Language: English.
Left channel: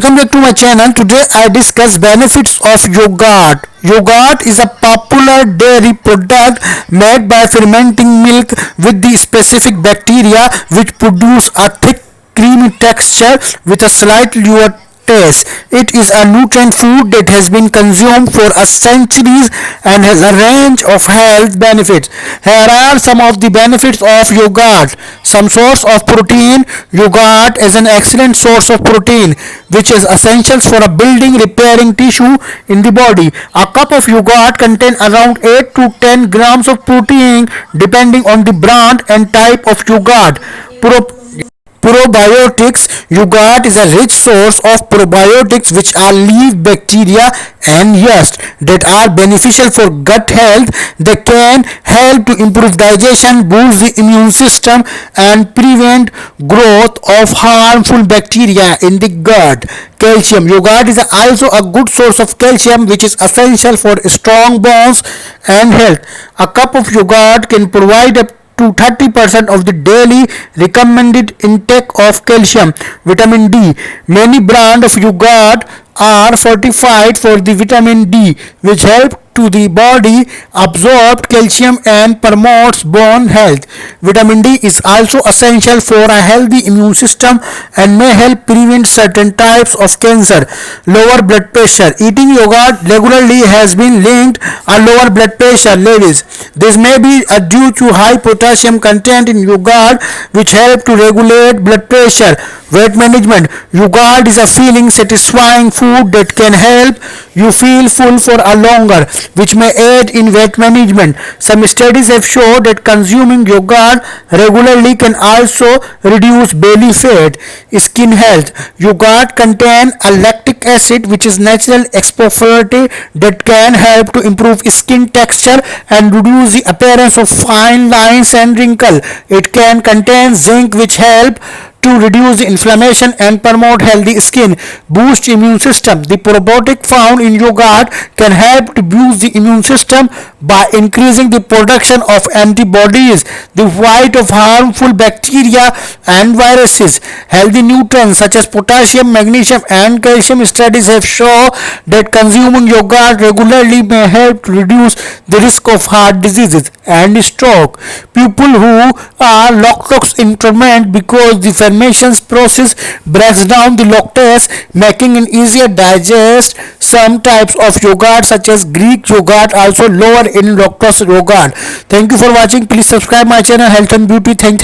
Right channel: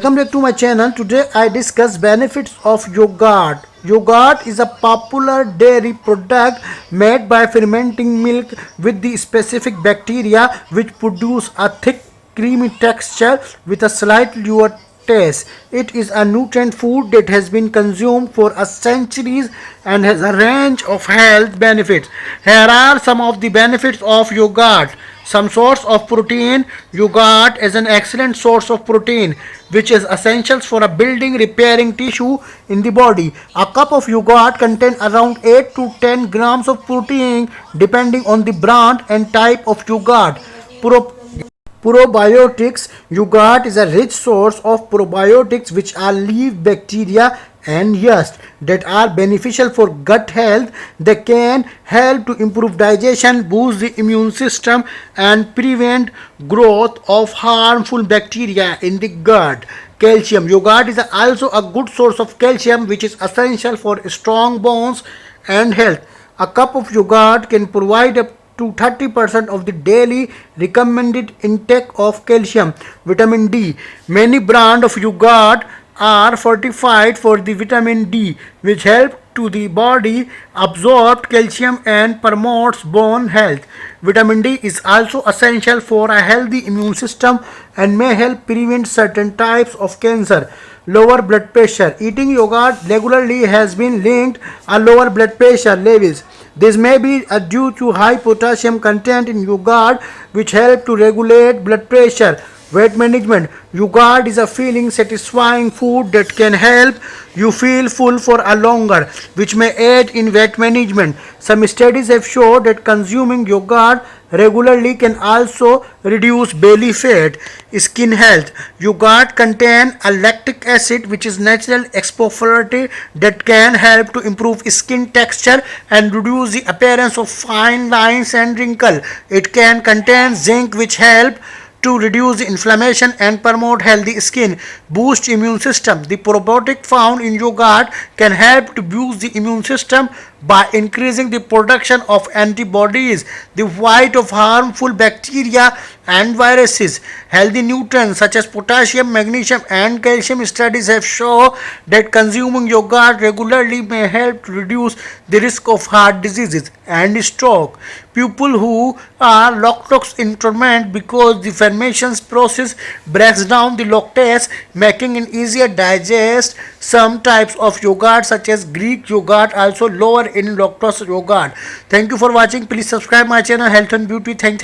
Welcome back to my channel. Today I discuss benefits of yogurt. Yogurt is a popular dairy product made by fermenting milk with the specific bacteria which produce a thick creamy texture with a slightly sour taste. It is a nutrient food that has been consumed for a centuries and has a range of health benefits. Here are some of the benefits of yogurt. Some source of protein. Yogurt is an excellent source of protein which is essential for a building repairing tissue in the body. A cup of yogurt contains around 8 to 10 grams of protein depending on the brand and type of yogurt. Probiotics. Yogurt is a rich source of probiotics which are leaf bacteria and yeast that are beneficial for gut health. They can help to improve digestion, boost the immune system and prevent growth of harmful bacteria in the gut. Calcium. Yogurt is also a good source of calcium which is essential for strong bones and health. A cup of yogurt can provide up to 30% of the daily recommended intake of calcium. Vitamin D. Many brands of yogurt are fortified for the vitamin D which help to the body absorb calcium and promotes bone health. Vitamin D is also essential for a healthy immune system and may help prevent certain types of cancer. Lower blood pressure. Eating yogurt regularly has been linked to lower blood pressure levels. This may be due to high potassium content in yogurt which help to regulate blood pressure. Weight management. Yogurt is a feeling satisfying food that can help you feel full for a longer, which may aid in weight management. Some studies have shown that consuming yogurt regularly can also reduce belly fat. Skin health. Yogurt contains a lactic acid which is natural exfoliant that can help to improve skin texture and reduce the appearance of fine lines and wrinkles. It can contain zinc which help to reduce inflammation and promote healthy skin. Boost immune system. The probiotic found in yogurt can help to boost the immune system by increasing the production of antibodies, the fight of harmful bacteria and viruses. Healthy nutrients such as potassium, magnesium and calcium. Studies have shown that consuming yogurt regularly may help to reduce the risk of heart diseases and stroke. People who are lactose intolerant because the fermentation process breaks down the lactose, making it easier to digest. Some types of yogurt such as Greek yogurt also lower in lactose yogurt. Thank you for watching. Please subscribe my channel Health and Beauty. Thank you.